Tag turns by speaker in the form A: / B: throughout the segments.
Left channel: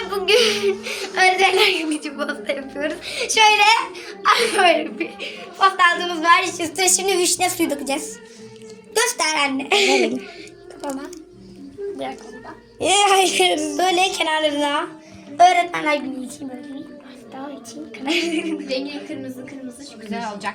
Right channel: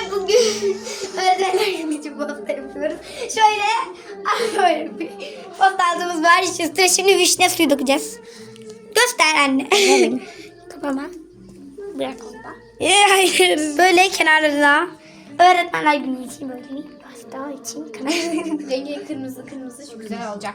A: bugün öğretmenler günü için pasta yapıyoruz. Şöyle bir pasta aldığımız var. İşte şimdi vişne suyu dökeceğiz. Göster anne.
B: Verin.
A: Kafana. Bırak.
B: Hayır.
A: Böyle kenarlarına. Öğretmenler günü için böyle bir pasta için kenarlarına.
C: Rengi kırmızı şu güzel olacak.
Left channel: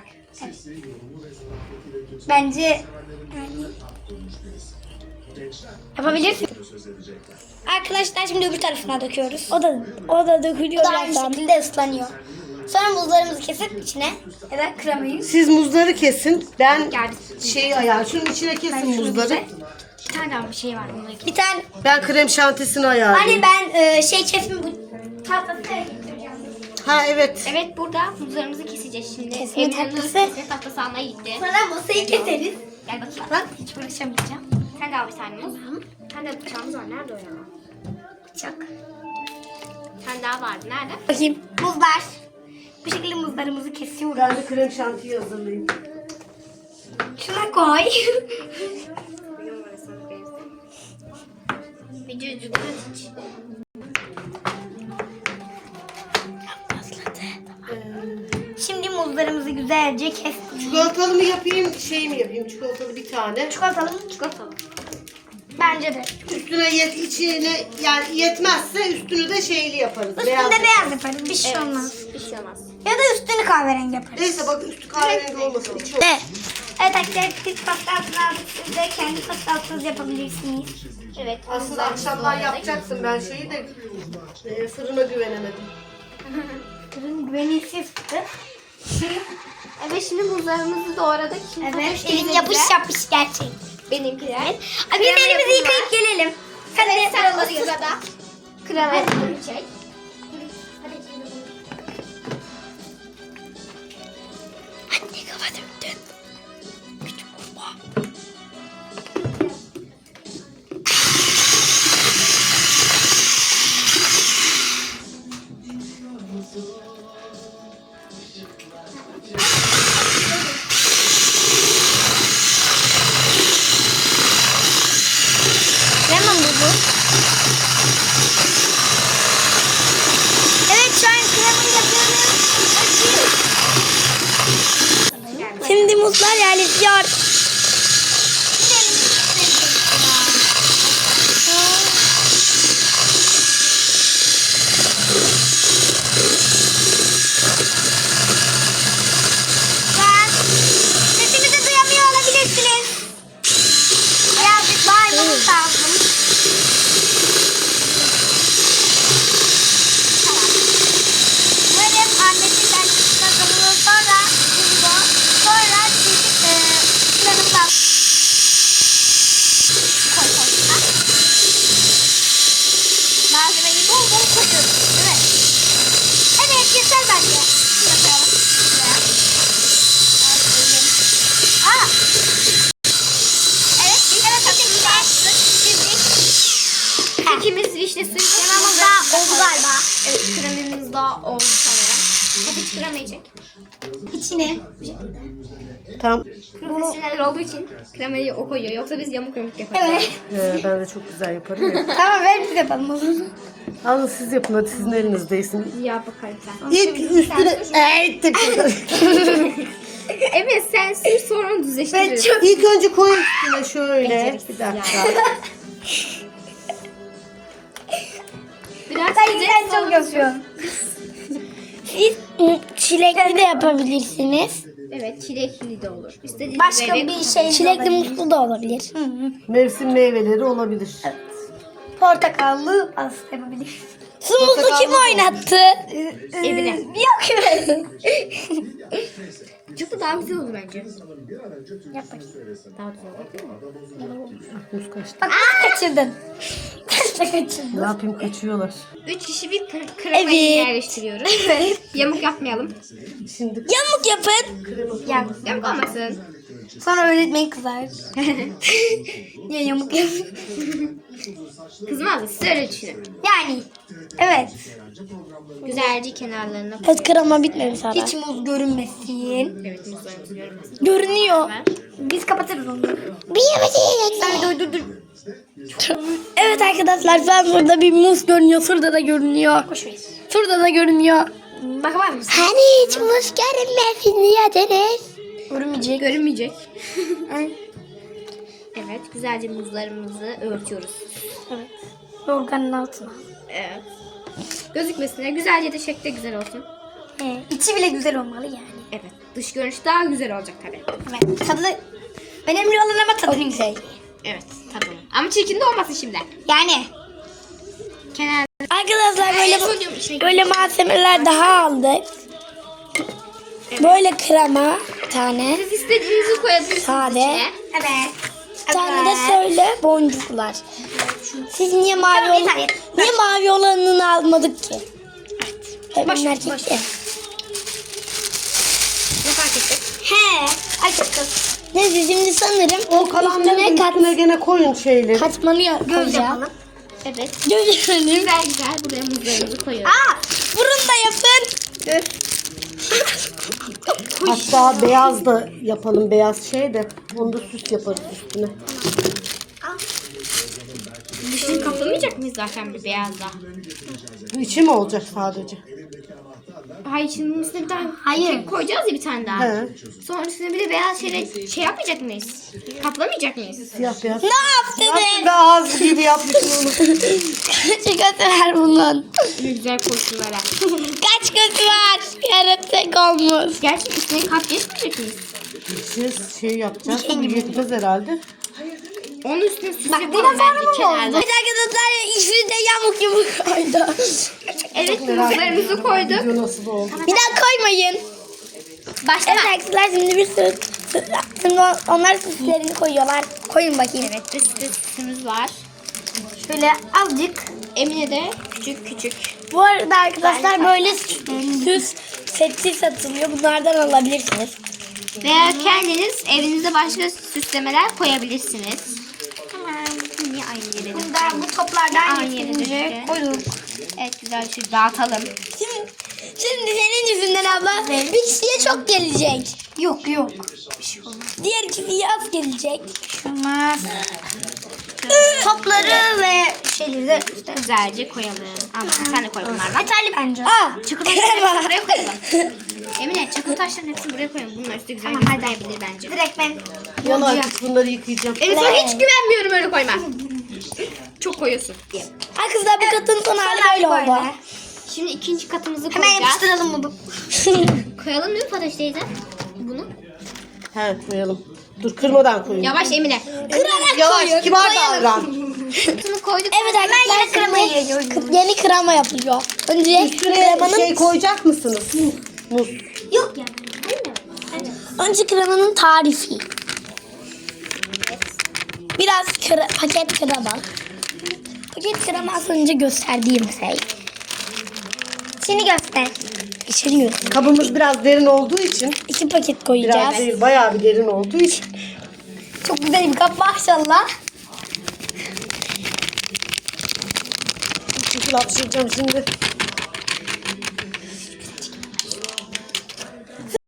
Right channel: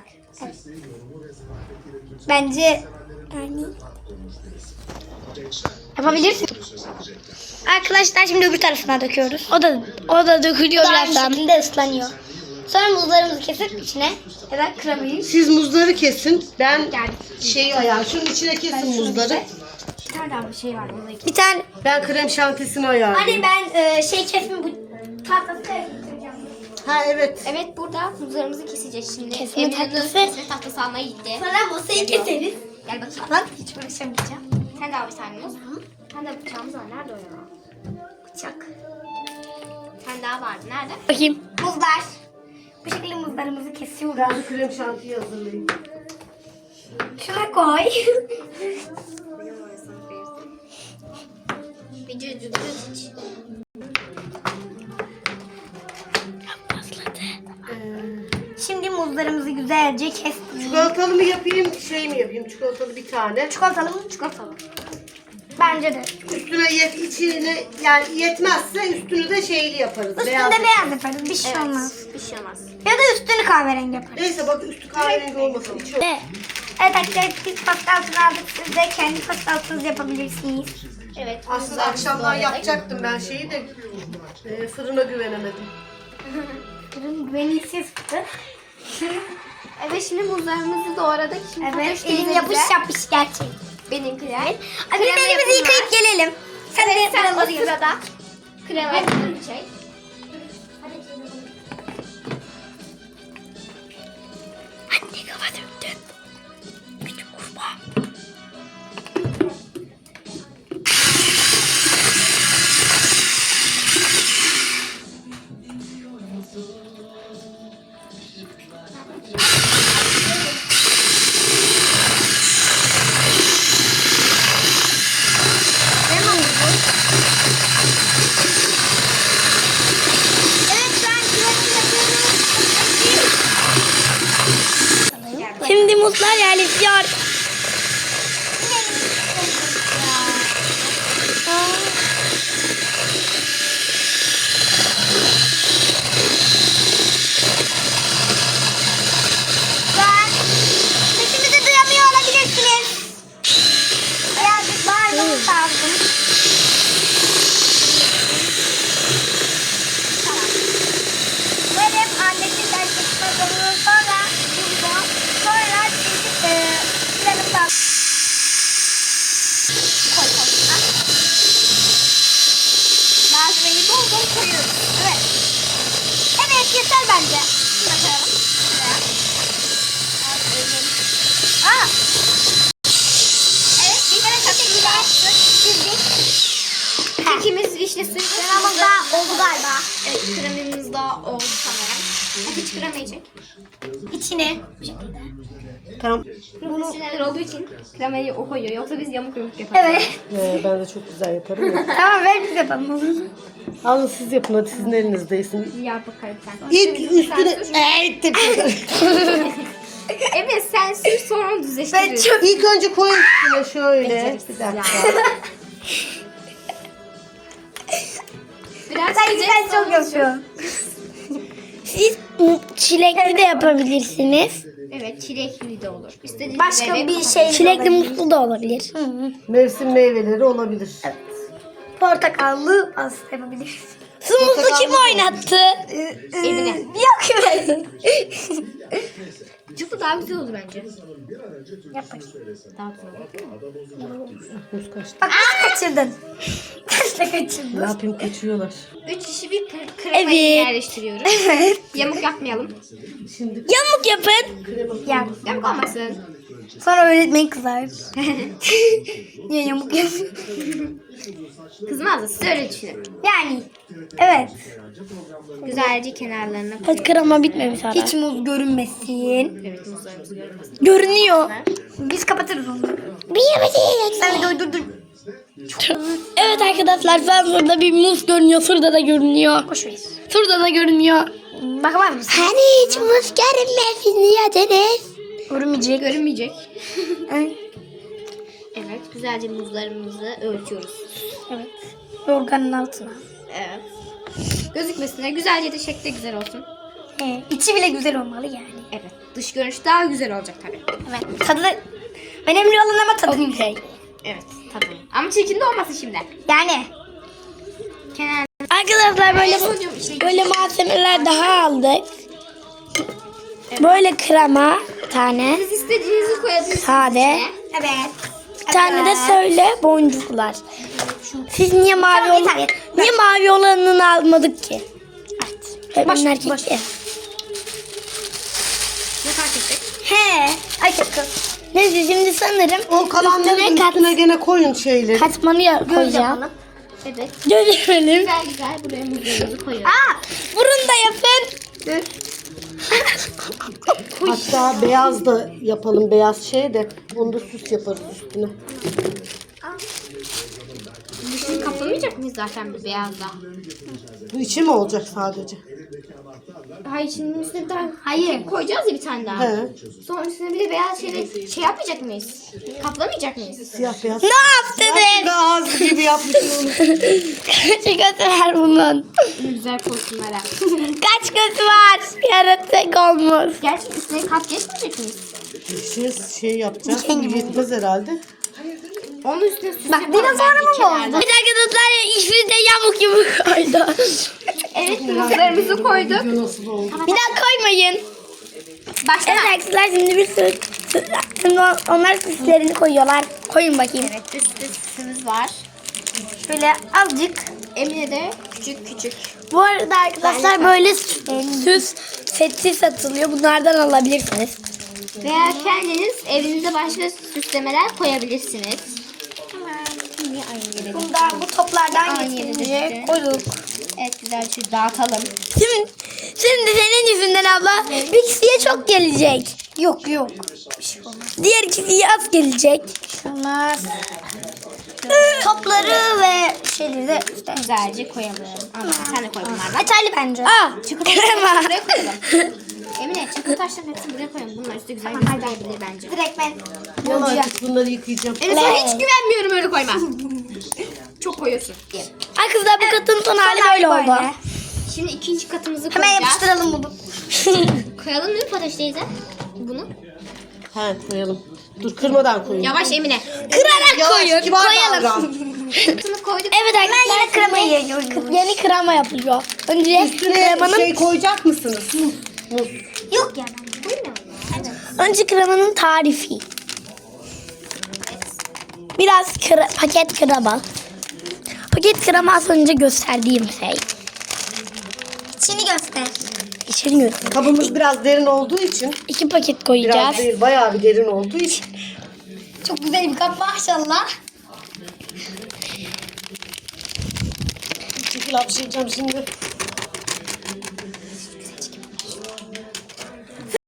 A: Bence yani yapabilirsin. Arkadaşlar şimdi öbür tarafına döküyoruz.
B: O da dökülüyor
A: Aynı
B: birazdan.
A: şekilde ıslanıyor. Sonra muzlarımızı kesip içine ya da kremayı.
D: Siz muzları kesin. Ben
C: Geldik.
D: şeyi ayar. Şunun içine kesin muzları.
C: Bir tane daha bir şey var onunla ilgili.
A: Bir tane
D: Ben krem şantisini ayarlayayım.
A: hani ben kesme bu tahtası getireceğim.
D: Ha evet.
C: Evet burada muzlarımızı keseceğiz şimdi.
B: Kesme
C: Emre'nin
B: tahtası.
C: Kesme tahtası almaya gitti.
A: Sonra masayı keseriz.
C: Gel bakayım.
A: Bak hiç uğraşamayacağım.
C: Sen de al bir tane muz. Bir tane de bıçağımız var. Nerede o ya?
A: Bıçak.
C: Bir tane daha vardı. Nerede?
B: Bakayım.
A: Muzlar. Bu şekilde muzlarımızı kesiyoruz.
D: Ben de krem şantiyi hazırlayayım.
A: Şuna koy.
C: Video
A: Şimdi muzlarımızı güzelce kestik.
D: Çikolatalı mı yapayım, şey mi yapayım? Çikolatalı bir tane.
A: Çikolatalı mı? Çikolatalı. Bence de.
D: Üstüne içine yani yetmezse üstünü de şeyli yaparız.
A: Üstünde
D: Beyaz.
A: beyaz yaparız. Bir şey olmaz.
C: bir şey olmaz.
A: Ya da üstünü kahverengi yaparız.
D: Neyse bak üstü kahverengi olmasın. İçi
A: Evet. Evet arkadaşlar biz pasta altını aldık. Siz de kendi pasta altınızı yapabilirsiniz.
C: Evet.
D: Aslında akşamdan yapacaktım ben şeyi de fırına güvenemedim.
A: Ürün güvenilsiz çıktı.
C: Evet şimdi muzlarımızı doğradık. Şimdi
A: Evet.
C: Fatoş
A: Elim
C: teyzemize-
A: yapış yapış gerçek.
C: Benimkiler.
A: Hadi ellerimizi yıkayıp gelelim.
C: Sen
A: Sen
C: o sırada kremayı çek.
A: Anne kafa döktün. Küçük kurbağa. Evet şu an kremayı yapıyoruz.
B: Şimdi muzlar yerleşiyor.
A: Ben sesimizi duyamıyor olabilirsiniz. Birazcık bağırmamız lazım. Tamam. Umarım annesi dersi kazanır sonra burada sonra çocuk planımızı al. Koy koy. Ha? Malzemeyi bol bol koyuyoruz. Evet. Evet yeter bence. Şunu da koyalım. Şuraya. Al elim. Aa. Evet bir tane şekilde açtık. Dizdik.
C: Kekimiz vişne suyu.
A: Kremamız da oldu galiba.
C: Evet kremimiz daha oldu sanırım. Hadi kremayı çek.
A: İçine bu şekilde.
D: Tamam.
C: Profesyoneller olduğu için kremayı o koyuyor. Yoksa biz yamuk yamuk yaparız.
A: Evet.
D: Ben de çok güzel yaparım ya.
A: Tamam ver biz yapalım o zaman.
D: Alın siz yapın hadi sizin elinizdesin.
C: Yap bakalım sen.
D: İlk üstüne...
C: Evet sen sür sonra onu düzleştiririz.
D: İlk önce koy üstüne şöyle. Bir dakika.
C: Biraz
A: Ben
C: sıcak
A: güzel çok yapıyorum.
B: Siz çilekli de yapabilirsiniz.
C: Evet çilekli de olur. İstediğiniz
A: Başka
C: bebek
A: bir
C: olur.
A: şey
B: Çilekli muzlu da olabilir.
D: Mevsim meyveleri olabilir.
A: portakallı pasta yapabiliriz.
B: Su muzlu kim oynattı?
C: Evine.
A: Yok evet.
C: Çıtı daha güzel olur bence.
A: Yap bakayım.
C: Daha güzel olur.
D: Muz kaçtı.
A: Bak nasıl kaçırdın? Nasıl kaçırdın?
D: Ne yapayım kaçıyorlar.
C: 3 kişi bir kremayı
B: Evet.
C: yerleştiriyoruz. Yamuk yapmayalım.
D: Şimdi
B: Yamuk yapın.
A: Gel.
C: Yamuk olmasın.
B: Sonra öğretmen kızar. Niye yamuk yapıyorsun?
C: Kızmaz da siz öyle düşünün.
B: Yani evet.
C: Güzelce kenarlarına
B: Evet, krema bitmemiş hala.
A: Hiç muz görünmesin.
C: Evet, muzlarımızı görmesin.
B: Görünüyor.
A: Biz kapatırız onu.
B: Sen dur. Evet arkadaşlar, ben burada bir muz görünüyor. Şurada da görünüyor. Şurada da görünüyor.
A: Bakar mısın?
B: Hani hiç muz görünmesin diyordunuz.
A: Görünmeyecek.
C: Görünmeyecek. Evet, güzelce muzlarımızı örtüyoruz.
B: Evet. Yorganın altına.
C: Evet. Gözükmesine güzelce de şekli güzel olsun.
B: İçi bile güzel olmalı yani.
C: Evet. Dış görünüş daha güzel olacak tabii.
B: Evet. Tadı da önemli olan ama tadı güzel.
C: Evet, tabii. Ama çirkin de olmasın şimdi.
B: Yani.
C: Kenar.
B: Arkadaşlar böyle
C: Sodyum içine
B: böyle malzemeler daha aldık. Böyle krema bir tane.
C: Siz istediğinizi koyabilirsiniz
B: Sade.
C: içine.
A: Evet.
B: Bir tane de söyle boncuklar. Siz niye mavi olanını almadık ki? Evet. Öğretmen erkek ya.
C: Ne fark ettik?
A: He. Açıktım.
B: Neyse şimdi sanırım
D: O kalanların üstüne gene koyun şeyleri.
B: katmanı koyacağım.
C: Evet.
B: Görelim.
C: Güzel güzel buraya muzlarımızı koyuyoruz.
B: Burun da yapın.
D: Hatta beyaz da yapalım, beyaz şey de. Onu da süs yaparız üstüne.
C: Dışını kaplamayacak mıyız zaten bir beyazla?
D: Bu içi mi olacak sadece?
C: Hayır, şimdi üstüne bir tane
A: Hayır.
C: koyacağız ya bir tane daha.
D: He.
C: Sonra üstüne bir de beyaz şey yapmayacak mıyız? Kaplamayacak mıyız?
D: Siyah beyaz.
B: Ne yaptınız?
D: Aslında ağız gibi yapmışsın onu.
B: Kaç gözü var bunun?
C: Ne güzel koysunlara.
B: Kaç gözü var? Yaratık olmuş.
C: Gerçi üstüne kat geçmeyecek miyiz?
D: Şey yapacağız. Yetmez herhalde.
C: Onun üstüne süs
A: Bak,
C: yapalım
A: dinozor
C: bence
A: mu
C: kenarda.
B: Bir arkadaşlar işi de yamuk gibi koydu.
C: Evet, muzlarımızı koyduk.
D: Nasıl oldu?
B: Bir daha koymayın.
C: Başla.
B: Evet arkadaşlar şimdi bir sürü şimdi onlar süslerini koyuyorlar. Koyun bakayım.
C: Evet, üstte süsümüz var.
B: Şöyle azıcık.
C: Emine de küçük küçük.
B: Bu arada arkadaşlar böyle süs seti satılıyor. Bunlardan alabilirsiniz.
C: Veya kendiniz evinize başka süslemeler koyabilirsiniz. Tamam. Niye aynı yere döktüm?
A: Bu toplardan
C: Aynı yere
A: getirince
C: döktüm.
A: koyduk.
C: Evet, güzelce dağıtalım.
B: Şimdi senin yüzünden abla bir kişiye çok gelecek.
A: Yok.
B: Diğer kişiye az gelecek.
A: Olmaz. Topları ve şeyleri de üstüne.
C: Güzelce koyalım. Ama sen de koy bunlardan.
A: Yeterli bence.
B: Aa,
C: Çikolataları buraya koyalım. Emine, çikolata taşlarının hepsini buraya koyalım. Bunlar üstte güzel gözükebilir bence.
A: Direkt ben
D: Yan artık bunları yıkayacağım.
C: Emine, sana hiç güvenmiyorum, öyle koyma. Çok koyuyorsun diye.
B: Ay kızlar bu katın son hali böyle oldu.
C: Şimdi ikinci katımızı
A: hemen
C: koyacağız.
A: yapıştıralım bunu.
C: Koyalım mı Fatoş teyze? Bunu.
D: He koyalım. Dur kırmadan koyun.
C: Yavaş Emine.
B: Kırarak koyun.
D: Kibar
B: Koyalım.
D: davran.
C: Bunu koyduk.
B: Evet arkadaşlar kremayı yeni krema yapılıyor. Önce
D: Üstüne
B: kremanın
D: şey koyacak mısınız? Muz.
A: Yok ya.
B: önce kremanın tarifi. Biraz paket krema. Paket krema az önce gösterdiğim şey.
A: Şimdi göster.
B: İçeriyor.
D: Kabımız biraz derin olduğu için.
B: 2 paket
D: Biraz
B: koyacağız.
D: değil, bayağı bir derin olduğu için.
A: Çok güzel bir kap maşallah.
D: Çünkü hapşıracağım şimdi.